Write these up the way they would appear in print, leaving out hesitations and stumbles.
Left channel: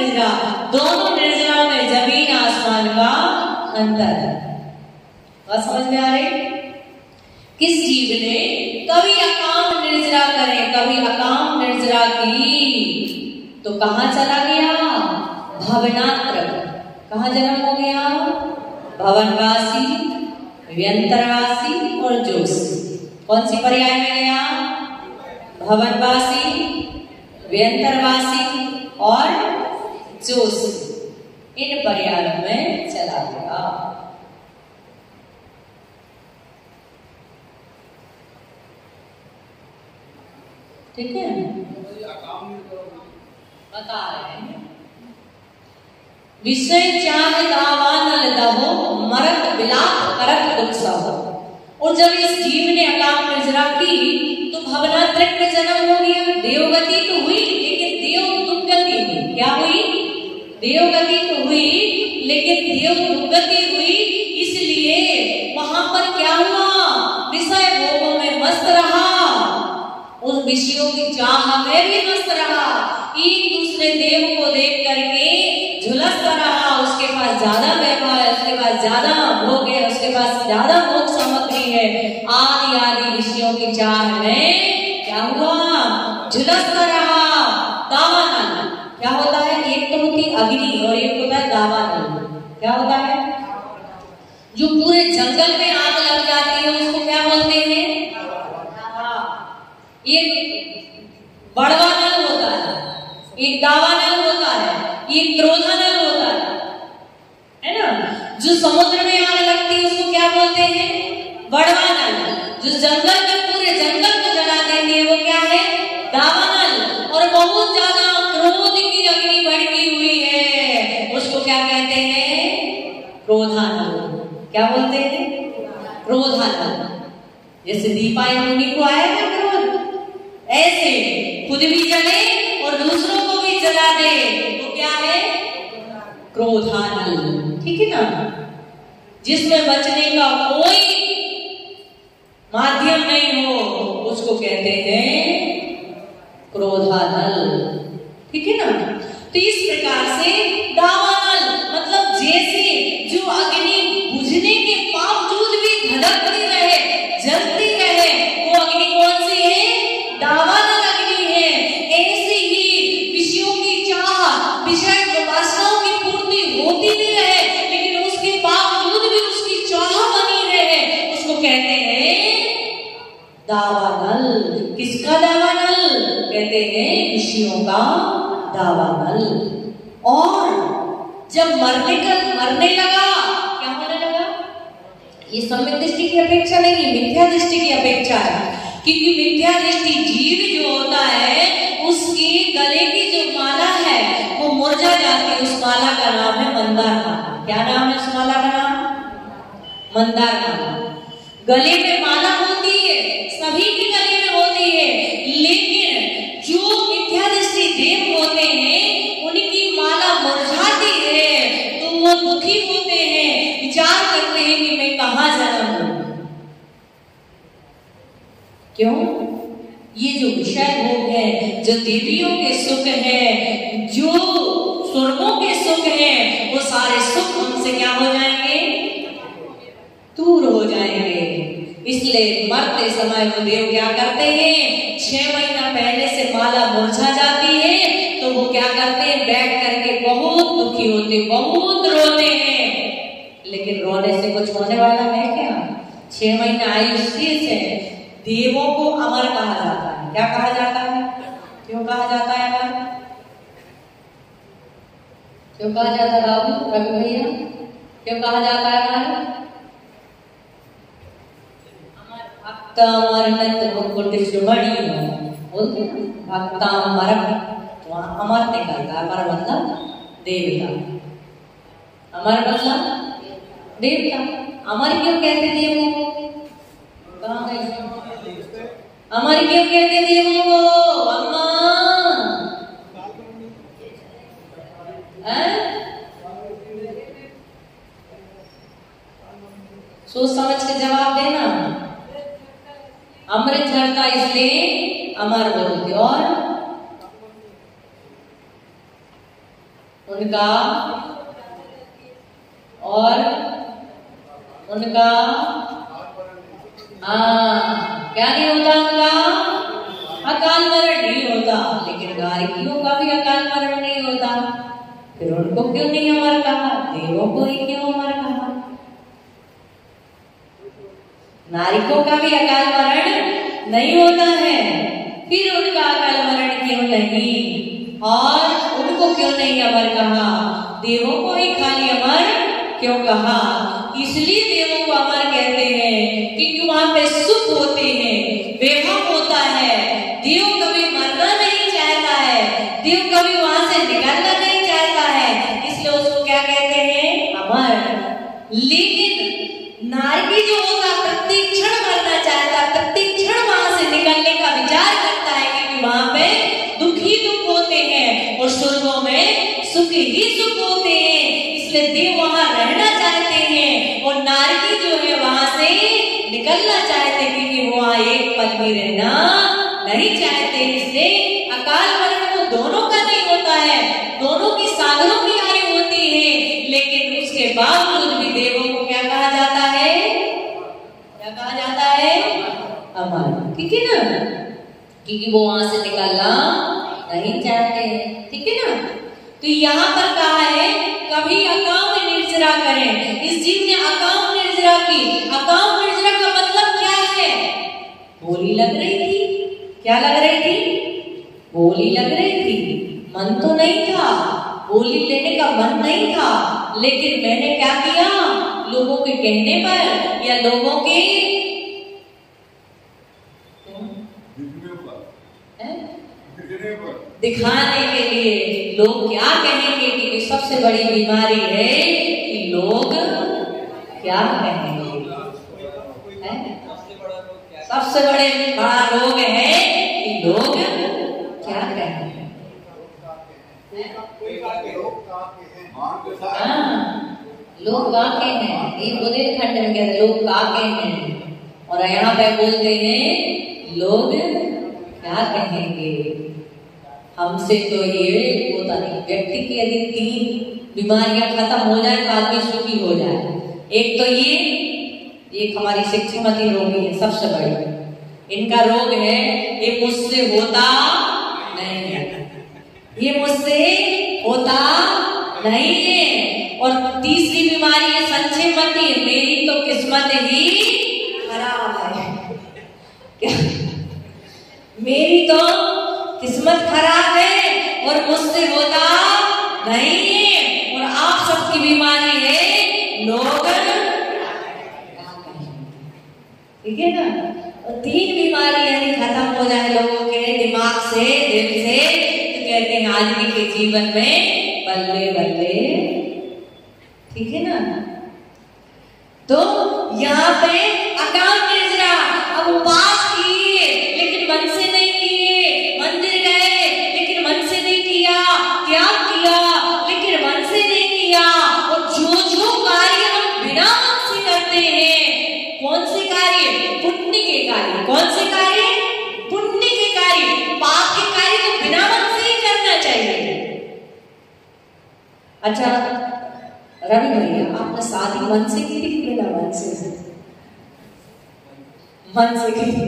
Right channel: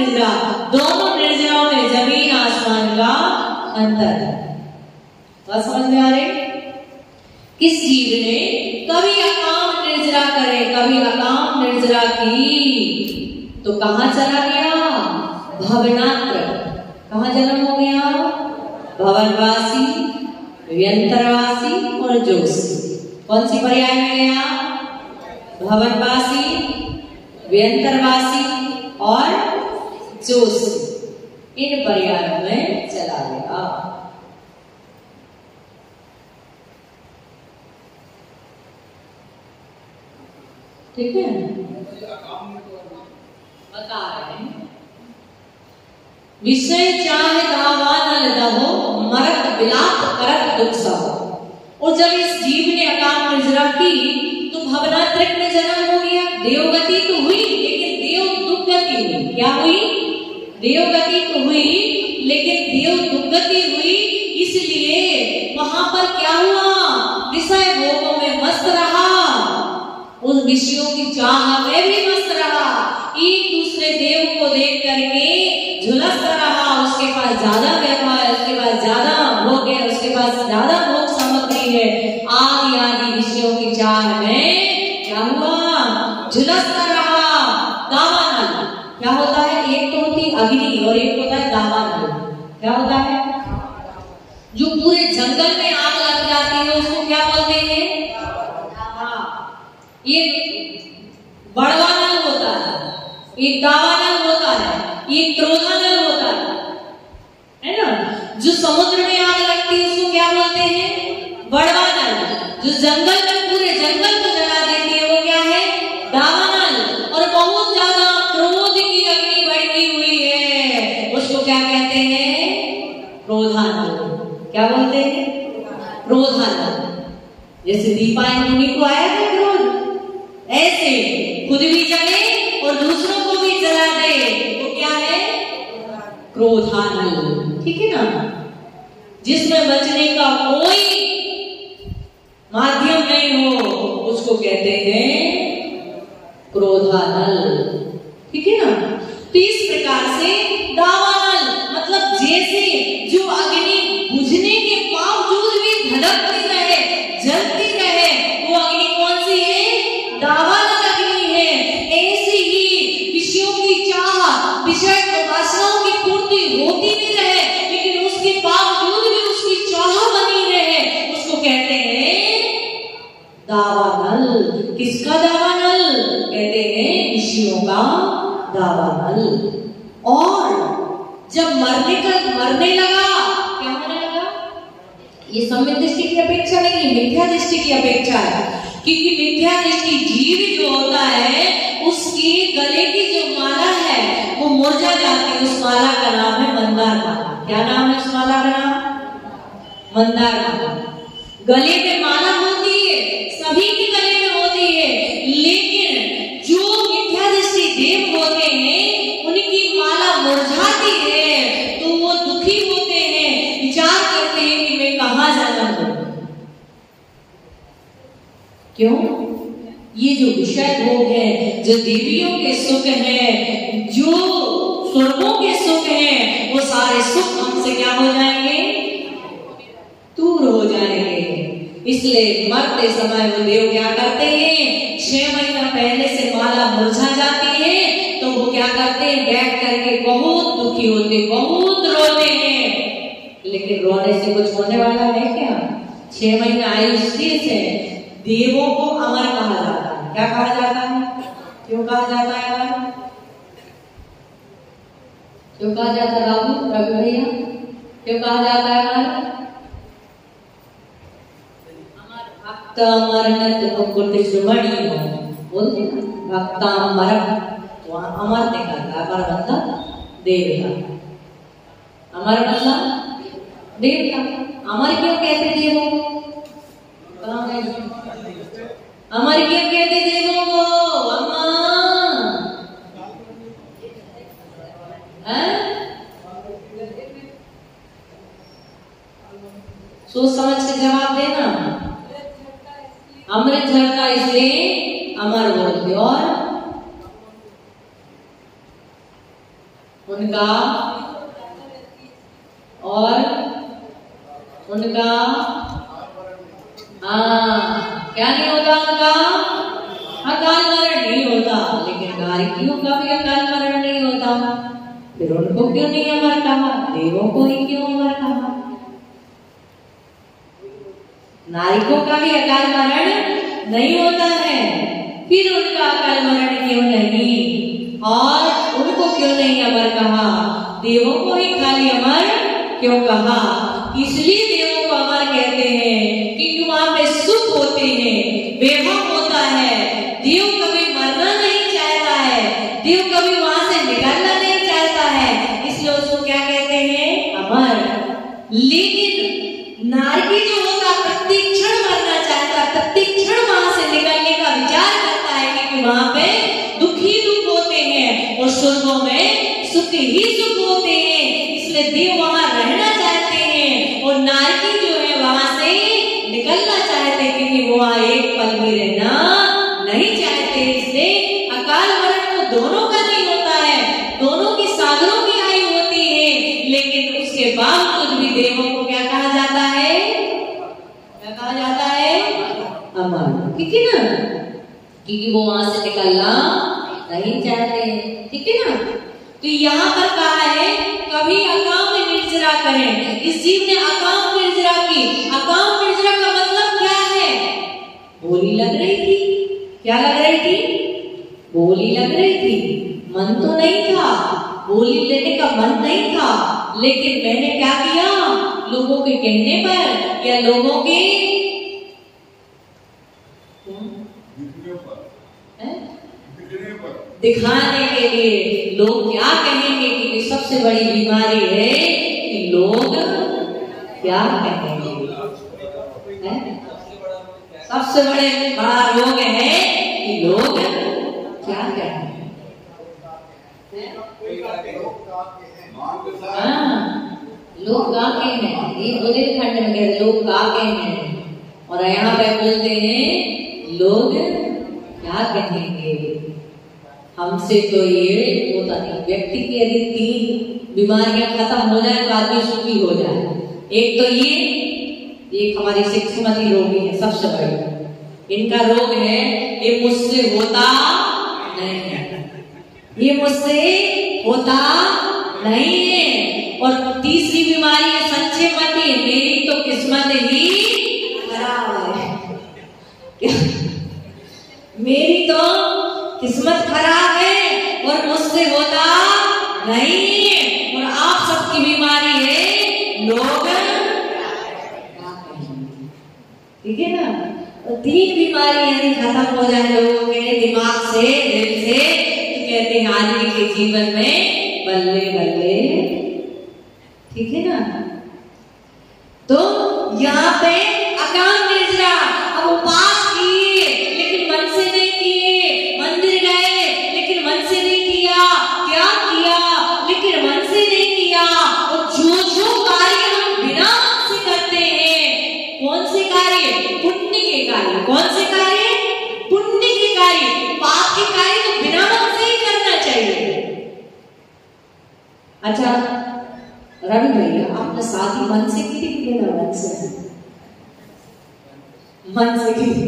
निर्जरा, दोनों निर्जरा में जमीन आसमान का अंतर है। बात समझ में आ रही? किस जीव ने कभी अकाम निर्जरा करे, कभी अकाम निर्जरा की, तो कहां चला गया? भवनात्र। कहां जन्म हो गया? भवनवासी, व्यंतरवासी और जोशी। कौन सी पर्याय में गया? भवनवासी, व्यंतरवासी और जोशी। इन पर्यायों में चला गया। ठीक है, बता रहे हैं। विषय चाह दावा न लदाहो, मरत बिलाप करत दुख सहो। और जब इस जीव ने अकाम निर्जरा की तो भवनात्रिक में जन्म हो गया। देवगति तो हुई लेकिन देव दुर्गति हुई। क्या हुई? देवगति तो हुई लेकिन देव दुर्गति हुई। इसलिए वहां पर क्या हुआ? विषय भोगों में मस्त रहा, उन विषयों की चाह में भी मस्त रहा, एक दूसरे देव को देख करके झुलसता रहा। उसके पास ज्यादा पैसा है, उसके पास ज्यादा भोग है, उसके पास ज्यादा भोग सामग्री है, आदि आदि विषयों की चाह में क्या हुआ? झुलसता रहा। दावानल क्या होता है? एक तो होती अग्नि और एक होता है दावानल। क्या होता है? जो पूरे जंगल में आग लग जाती है उसको क्या बोलते हैं? ये बड़वानल होता है, एक दावानल होता है, ये क्रोधानल होता है ना। जो समुद्र में आग लगती है उसको क्या बोलते हैं? बड़वानल। जो जंगल में पूरे जंगल को जला देती है वो क्या है? दावानल। और बहुत ज्यादा क्रोध की अग्नि भड़की हुई है उसको क्या कहते हैं? क्रोधानल। क्या बोलते हैं? क्रोधानल। जैसे दीपायन मुनि को आया था क्रोध, ऐसे खुद भी जले और दूसरों को भी जला दे तो क्या है? क्रोधानल। ठीक है ना। जिसमें बचने का कोई माध्यम नहीं हो उसको कहते हैं क्रोधानल। ठीक है ना। तो इस प्रकार से दावानल मतलब जैसे जो अग्नि बुझने के बावजूद भी धड़कती रहे, जलती रहे, वो अग्नि कौन सी है? दावानल अग्नि है। ऐसी ही विषयों की चाह, विषय वासनाओं की पूर्ति होती भी रहे लेकिन उसके बावजूद भी उसकी चाह बनी रहे, उसको कहते हैं दावानल। किसका दावानल? कहते हैं विषयों का दावानल। और जब मरने लगा, क्या होने लगा? ये सम्यक दृष्टि की अपेक्षा नहीं है, मिथ्या दृष्टि की अपेक्षा है। क्योंकि मिथ्या दृष्टि जीव जो होता है उसकी गले की जो माला है वो मुरझा जाती है। उस माला का नाम है मंदार माला। क्या नाम है उस माला का नाम? मंदार माला। गले में माला होती है, सभी के गले में होती है, लेकिन जो मिथ्या दृष्टि देव होते हैं उनकी माला मुरझाती है तो वो दुखी होते हैं, विचार करते हैं कि मैं कहां जाना हूं। क्यों? ये जो विषय भोग है, जो देवियों के सुख है, जो स्वर्गों के सुख है, वो सारे सुख हमसे क्या हो जाएंगे? दूर हो जाएंगे। इसलिए मरते समय वो देव क्या करते हैं? 6 महीना पहले से माला मुरझा जाती है तो वो क्या करते हैं? बैठ करके बहुत दुखी होते, बहुत रोते हैं। लेकिन रोने से कुछ होने वाला है क्या? 6 महीना आयु स्थिर से देवों को अमर कहा जाता है। क्या कहा जाता है? क्यों कहा जाता है अमर? क्यों कहा जाता है बाबू रवि भैया? क्यों कहा जाता है अमर? भक्त अमरनत मुकुट श्रवणी बोलते ना, भक्त अमर। वहां अमर देखा था, अमर मतलब देवता। अमर मतलब देवता। अमर क्यों कहते देवों को? कहां गए? अमर क्यों कहते देवों को? अम्मा सोच समझ के जवाब देना। अमृत झरता इसलिए अमर बोलते। और उनका और उनका क्या नहीं होता, उनका अकाल मरण नहीं होता। लेकिन गायकियों का भी अकाल मरण नहीं होता। फिर उनको क्यों नहीं अमर कहा, देवों को ही क्यों अमर कहा? नारिकों का भी अकाल मरण नहीं होता है, फिर उनका अकाल मरण क्यों नहीं? और उनको क्यों नहीं अमर कहा? देवों को ही खाली अमर क्यों कहा? इसलिए देवों को अमर कहते हैं क्योंकि वहां पे सुख होते हैं, वैभव होता है। देव कभी मरना नहीं चाहता है, देव कभी वहां से निकलना नहीं चाहता है, इसलिए उसको क्या कहते हैं? अमर। लेकिन नारकी जो होता प्रत्येक क्षण मरना चाहता, प्रत्येक क्षण वहां से निकलने का विचार करता है, क्योंकि वहां पे दुख ही दुख होते हैं और स्वर्गों में सुख ही सुख होते हैं। इसलिए देव वहां रहना चाहते हैं और नारकी जो है वहां से निकलना चाहते हैं, क्योंकि वो वहां एक पल भी रहना नहीं चाहते। इसलिए अकाल मरण तो दोनों का नहीं होता है, दोनों की सागरों की आयु होती है, लेकिन उसके बावजूद भी देवों को क्या कहा जाता है? क्या कहा जाता है? अमर। ठीक है ना, क्योंकि वो वहां से निकलना नहीं चाहते हैं। ठीक है ना, तो यहाँ पर कहा है कभी अकाम निर्जरा करें। इस जीव ने अकाम निर्जरा की। अकाम निर्जरा का मतलब क्या है? बोली लग रही थी। क्या लग रही थी? बोली लग रही थी। मन तो नहीं था, बोली लेने का मन नहीं था, लेकिन मैंने क्या किया? लोगों के कहने पर या लोगों के दिखाने के लिए, लोग क्या कहेंगे, क्योंकि सबसे बड़ी बीमारी है कि लोग क्या कहेंगे। सबसे बड़ा रोग है कि लोग क्या कहेंगे। लोग काके हैं, ये बुंदेलखंड में कहते लोग काके हैं, और यहाँ पे बोलते हैं लोग क्या कहेंगे। हमसे तो ये होता नहीं। व्यक्ति की यदि 3 बीमारियां खत्म हो जाए तो आदमी सुखी हो जाए। एक तो ये हमारी शिक्षामती रोगी है सबसे बड़ी। इनका रोग है ये मुझसे होता नहीं है, ये मुझसे होता नहीं है। और तीसरी बीमारी है संक्षेपती, मेरी तो किस्मत ही खराब है। मेरी तो किस्मत खराब है और मुझसे होता नहीं है। और आप सबकी बीमारी है लोग। ठीक है ना, तो 3 बीमारी यदि खत्म हो जाए लोगों के दिमाग से, दिल से, तो कहते हैं आदमी के जीवन में बल्ले बल्ले। ठीक है ना, तो यहाँ पे अकाम निर्जरा। अब उपास किए लेकिन मन से नहीं किए, मंदिर गए लेकिन मन से नहीं किया, त्याग किया लेकिन मन से नहीं किया। और जो कार्य हम बिना मन से करते हैं, कौन से कार्य? पुण्य के कार्य। कौन से कार्य? पुण्य के कार्य। पाप के कार्य तो बिना मन से ही करना चाहिए। अच्छा रवि भैया, आपने शादी मन से की थी ना? मन से की थी।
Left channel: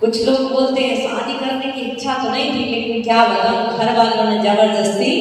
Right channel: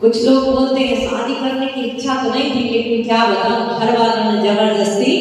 कुछ लोग बोलते हैं शादी करने की इच्छा तो नहीं थी, लेकिन क्या बताऊं, घर वालों ने जबरदस्ती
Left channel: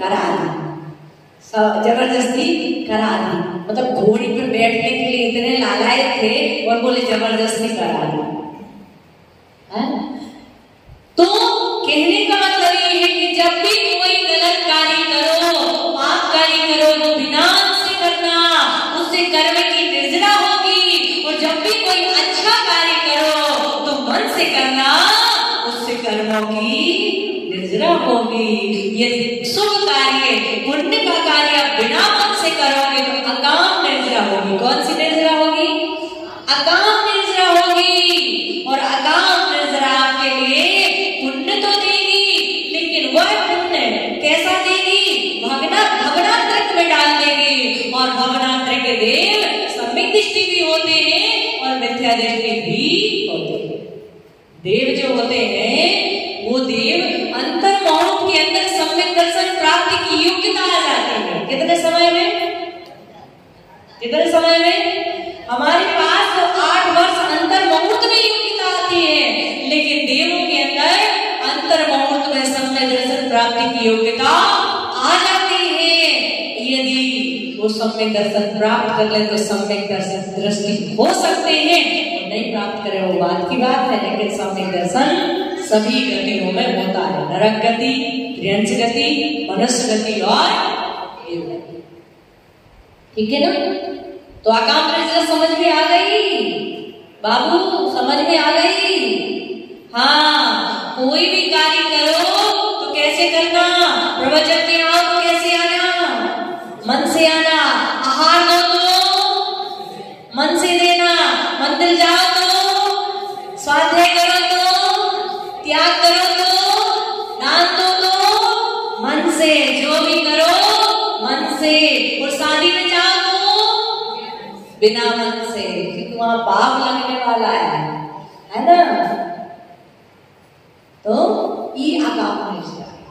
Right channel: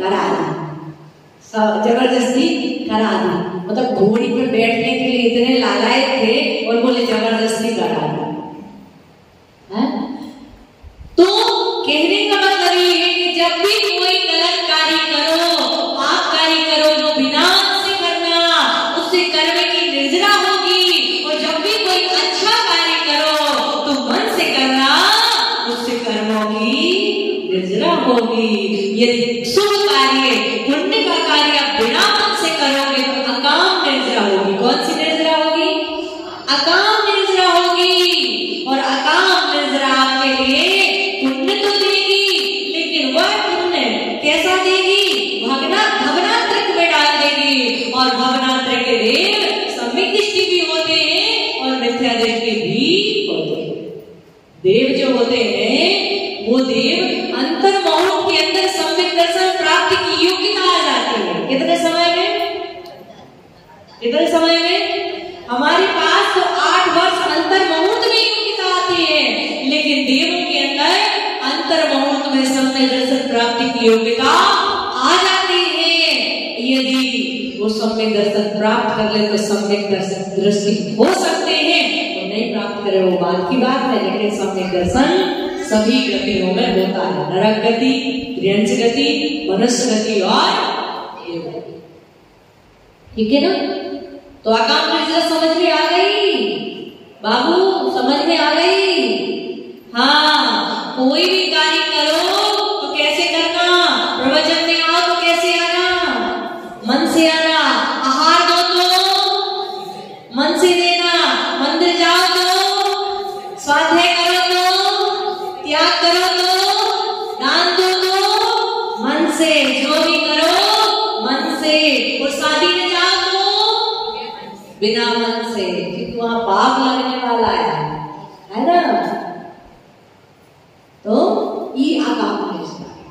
करा दी। जबरदस्ती करा दी, मतलब घोड़ी पे बैठने के लिए इतने लालायक थे और बोले जबरदस्ती करा दी। तो कहने का मतलब ये है कि जब भी कोई गलत कार्य करो, पाप कार्य करो, तो बिना मन से करना, उससे कर्म की निर्जरा होगी। और जब भी कोई अच्छा कार्य करो तो मन से करना, उससे कर्मों की निर्जरा होगी। यदि शुभ कार्य, पुण्य का कार्य बिना मन से करोगे तो अकाम निर्जरा होगी। कौन सी निर्जरा होगी? अकाम निर्जरा होगी। और अकाम निर्जरा के लिए पुण्य तो देगी, लेकिन वह पुण्य कैसा देगी? भवनात्रक में डाल देगी। और भवनात्रक के देव सम्यक दृष्टि भी होते हैं और मिथ्या दृष्टि भी होते हैं। देव जो होते हैं वो देव अंतर्मोह के अंदर सम्यक दर्शन की योग्यता आ जाती है। यदि वो सम्यक दर्शन प्राप्त कर ले तो सम्यक दर्शन दृष्टि हो सकते हैं, और नहीं प्राप्त करे वो बात की बात है। लेकिन सम्यक दर्शन सभी गतियों में होता है, नरक गति, त्रियंश गति, मनुष्य गति और देव गति। ठीक है ना? तो आकाम निद्रा समझ में आ गई बाबू, समझ में आ गई? हाँ, कोई भी कार्य करो तो कैसे करना? प्रवचन में आओ तो कैसे आना? मन से आना। आहार दो तो मन से देना। मंदिर जाओ तो, स्वाध्याय करो तो, त्याग करो तो, दान दो तो मन से, जो भी करो मन से। और शादी में जाओ तो बिना मन से, क्योंकि वहां पाप लगने वाला है ना? तो ये आकाम निद्रा है,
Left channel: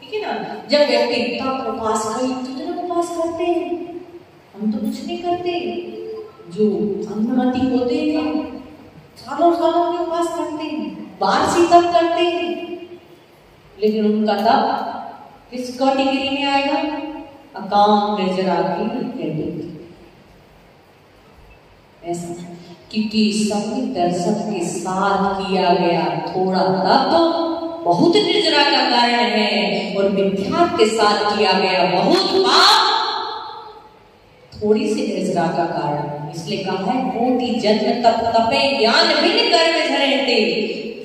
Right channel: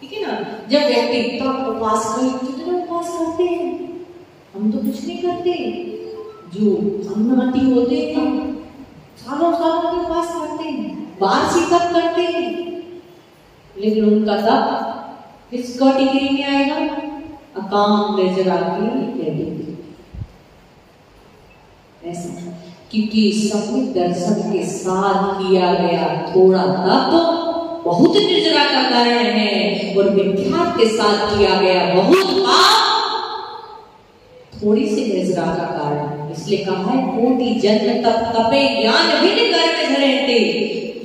ठीक है ना? जब व्यक्ति इतना उपवास करते हैं, हम तो कुछ नहीं करते। जो अन्नमति होते हैं सालों सालों के उपवास करते हैं, वार्षिक तप करते हैं, लेकिन उनका तप किस कैटेगरी में आएगा? आकाम निद्रा की कैटेगरी। ऐसा क्योंकि सम्यक दर्शन के साथ किया गया थोड़ा तप बहुत निद्रा का कारण है, और मिथ्या के साथ किया गया बहुत पाप थोड़ी सी निद्रा का कारण है। इसलिए कहा है कोटि जन्म तप तपे ज्ञान बिन कर्म धरते,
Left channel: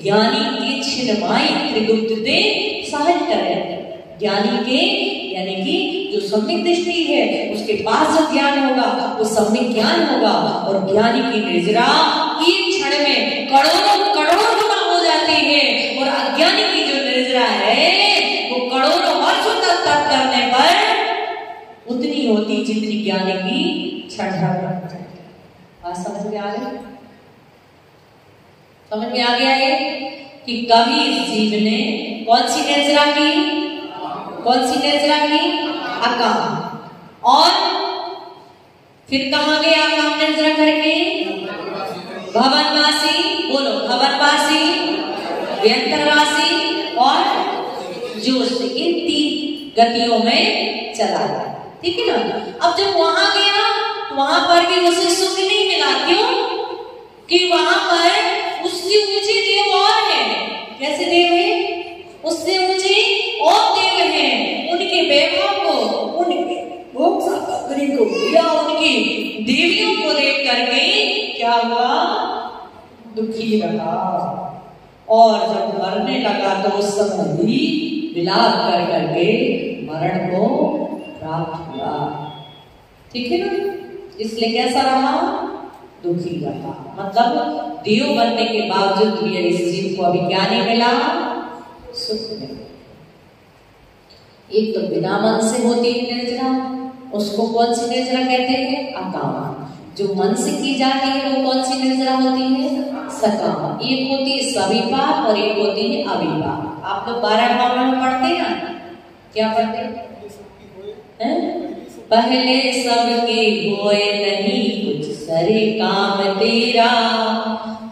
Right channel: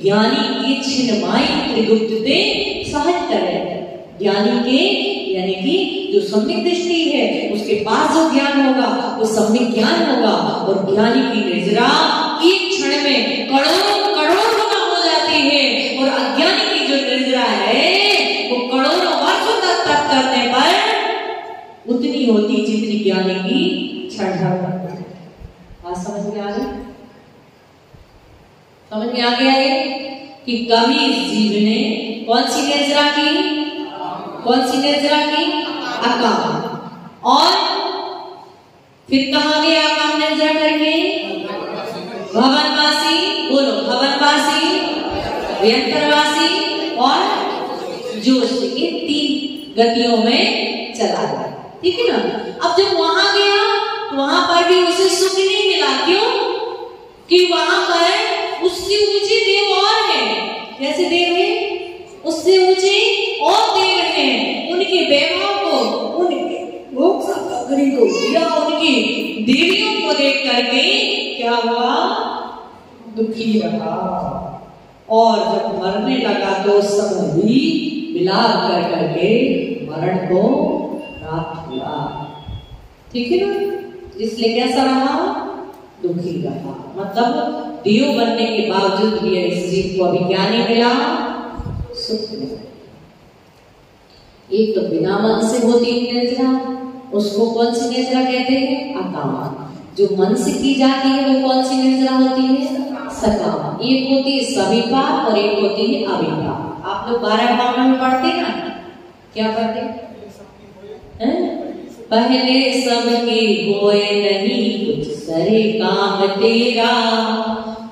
ज्ञानी के छिन्माई त्रिगुप्तते सहज करे। ज्ञानी के यानी कि जो सम्यक दृष्टि है उसके पास जो ज्ञान होगा वो सम्यक ज्ञान होगा, और ज्ञानी की निद्रा एक क्षण में करोड़ों करोड़ों गुना हो जाती है, और अज्ञानी की जो निद्रा है वो करोड़ों वर्षों तक तप करने पर उतनी होती जितनी ज्ञानी की क्षण भर। बात समझ में आ गई? समझ में आ गया कि कभी जीव ने कौन सी निद्रा की? कौन सी निद्रा की? आकाम। और फिर कहां गया आकाम निद्रा करके? भवनवासी, बोलो, भवनवासी, व्यंतरवासी और जोश, ये 3 गतियों में चला गया। ठीक है ना? अब जब वहां गया तो वहां पर भी उसे सुख नहीं मिला। क्यों? कि वहां पर उससे ऊंचे देव और है। कैसे देव है? उससे ऊंचे और देव हैं। उनके वैभव को, उनके को या उनकी देवियों को देख करके क्या हुआ? दुखी लगा, और जब मरने लगा तो उस समय भी विलाप कर करके मरण को प्राप्त हुआ। ठीक है ना? इसलिए कैसा रहा? दुखी रहा। मतलब देव बनने के बावजूद भी इस जीव को अभिज्ञानी मिला, सुख मिला। एक तो बिना मन से होती है निद्रा, उसको कौन सी निद्रा कहते हैं? आकाम। जो मन से की जाती है वो कौन सी निद्रा होती है? सकाम। एक होती है सविपाक और एक होती है अविपाक। आप लोग 12 भाव में पढ़ते हैं ना? क्या पढ़ते हैं? पहले सबके होए नहीं कुछ सरे काम तेरा,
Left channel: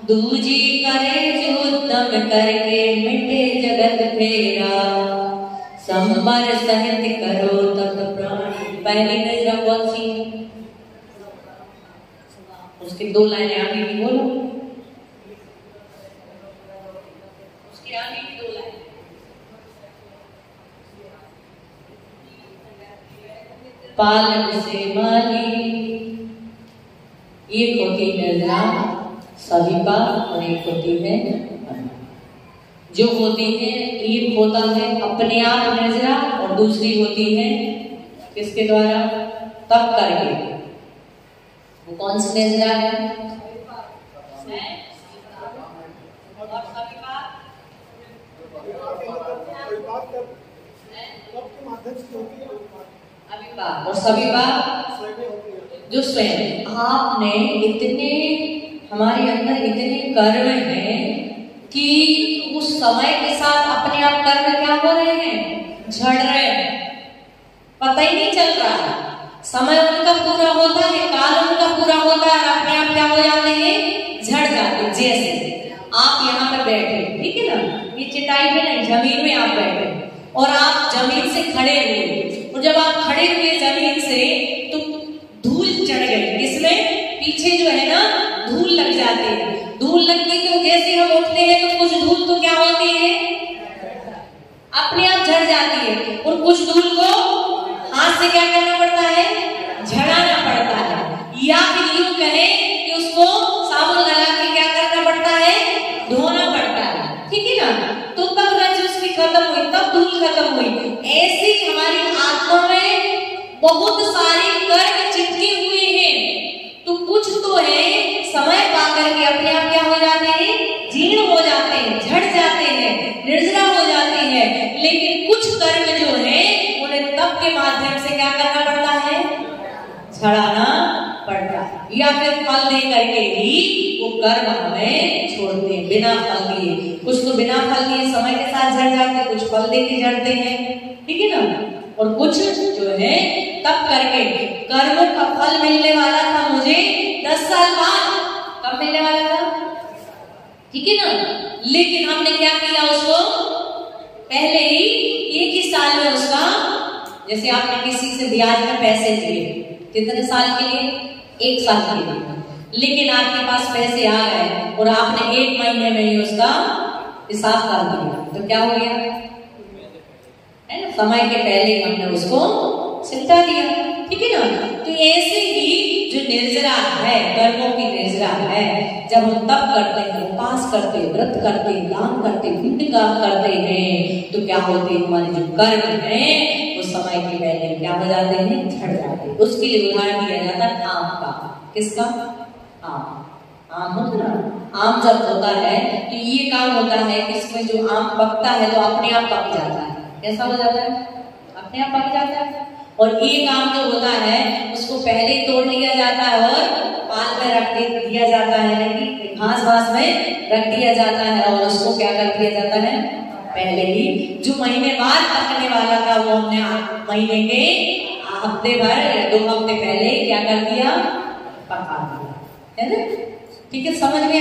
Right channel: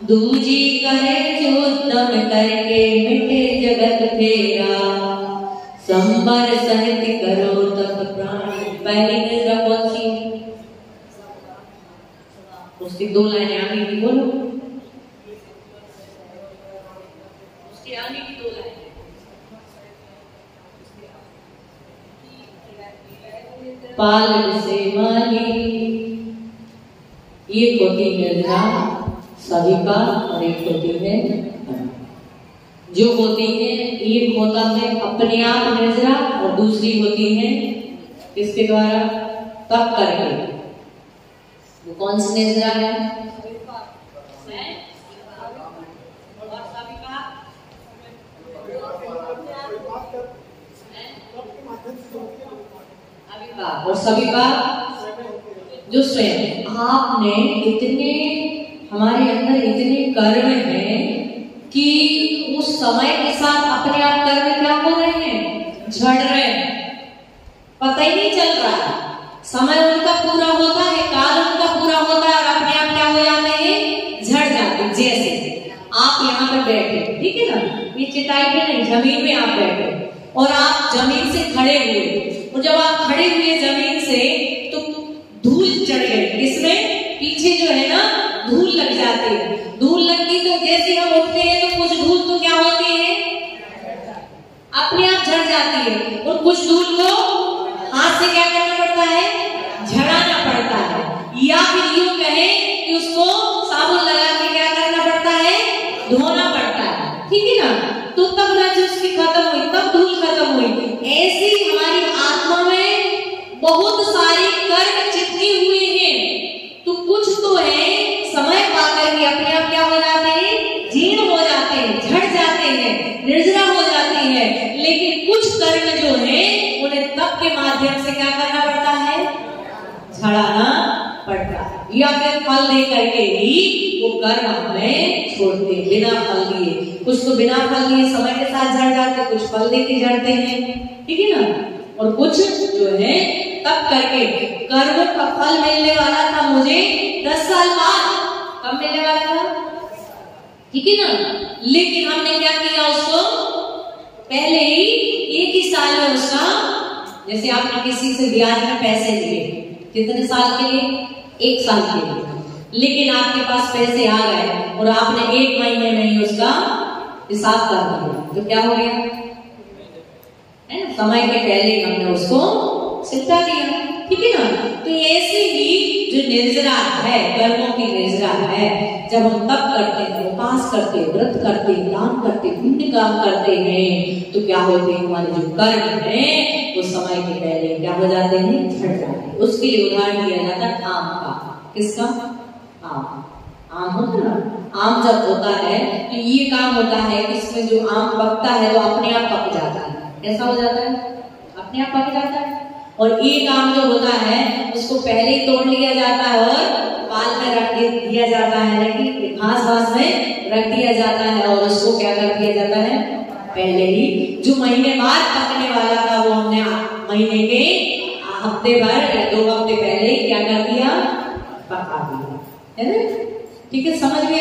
दूजी करे जो उत्तम करके मिटे जगत फेरा, संबर सहित करो तब प्राण। पहली निद्रा कौन सी? उसकी 2 लाइनें आगे भी बोलो, उसके आगे भी 2 लाइनें। पालन से माली, एक होती निद्रा सविपा और एक होती है जो होती है। एक होता है अपने आप निद्रा और दूसरी होती है किसके द्वारा? तप करके। वो कौन सी निद्रा है? और सविपा और सविपा जो स्वयं आपने इतने हमारे अंदर इतने कर्म हैं कि उस समय के साथ अपने आप कर्म क्या हो रहे हैं? झड़ रहे हैं, पता ही नहीं चल रहा। समय उनका पूरा होता है, काल उनका पूरा होता है, और अपने आप क्या हो जाते हैं? झड़ जाते। जैसे आप यहाँ पे बैठे, ठीक है ना? ये चटाई भी नहीं, जमीन में आप बैठे और आप आप जमीन से खड़े हुए, और जब आप खड़े हुए जमीन से तो धूल चढ़ गई, इसमें पीछे जो है ना धूल लग जाते हैं। धूल लगती तो जैसे हम उठते हैं तो कुछ धूल तो क्या होती है, अपने आप झड़ जाती है, और कुछ धूल को हाथ से क्या करना पड़ता है, झड़ाना पड़ता है, या फिर यूं कहें कि उसको साबुन लगा के क्या करना पड़ता है, धोना पड़ता है, ठीक है ना। तो तब रज उसकी खत्म हुई, तब धूल खत्म हुई। ऐसे ही हमारी आत्मा में बहुत सारे कर्म चिपके हुए हैं, तो कुछ तो है समय पाकर के अपने आप क्या हो जाते हैं, जीर्ण हो जाते हैं, झड़ जाते हैं, निर्जरा हो जाते हैं। लेकिन कुछ कर्म जो है उन्हें तप के माध्यम से क्या करना पड़ता है, झड़ाना पड़ता है, या फिर फल दे करके ही वो कर्म हमें छोड़ते हैं, बिना फल दिए। कुछ तो बिना फल दिए समय के साथ झड़ जाते, कुछ फल दे के झड़ते हैं, ठीक है ना। और कुछ जो है तब करके, कर्म का फल मिलने वाला था मुझे 10 साल बाद, कब मिलने वाला था, ठीक है ना। लेकिन हमने क्या किया, उसको पहले ही 1 ही साल में उसका, जैसे आपने किसी से ब्याज में पैसे लिए, कितने साल के लिए, 1 साल के लिए, लेकिन आपके पास पैसे आ गए और आपने 1 महीने में ही उसका हिसाब कर दिया, तो क्या हो गया, है ना, समय के पहले हमने उसको सिद्धा दिया, ठीक है ना। तो ऐसे ही जो निर्जरा है, कर्मों की निर्जरा है, जब हम तप करते हैं, उपास करते हैं, व्रत करते हैं, दान करते हैं, पुण्य काम करते हैं, तो क्या होते हैं, हमारे जो कर्म है वो समय के पहले क्या हो जाते हैं, झड़ जाते हैं। उसके लिए उदाहरण दिया जाता है आम का, किसका, आम होता है, आम जब होता है तो ये काम होता है कि इसमें जो आम पकता है तो अपने आप पक जाता है, कैसा हो जाता है, अपने आप पक जाता है। और एक आम जो होता है उसको पहले ही तोड़ लिया जाता है और पाल में रख दिया जाता है, घास घास में रख दिया जाता है, और उसको क्या कर दिया जाता है, पहले ही जो महीने बाद पकने वाला था वो हमने महीने के हफ्ते भर 2 हफ्ते पहले क्या कर दिया, पका दिया, है ना, ठीक है, समझ में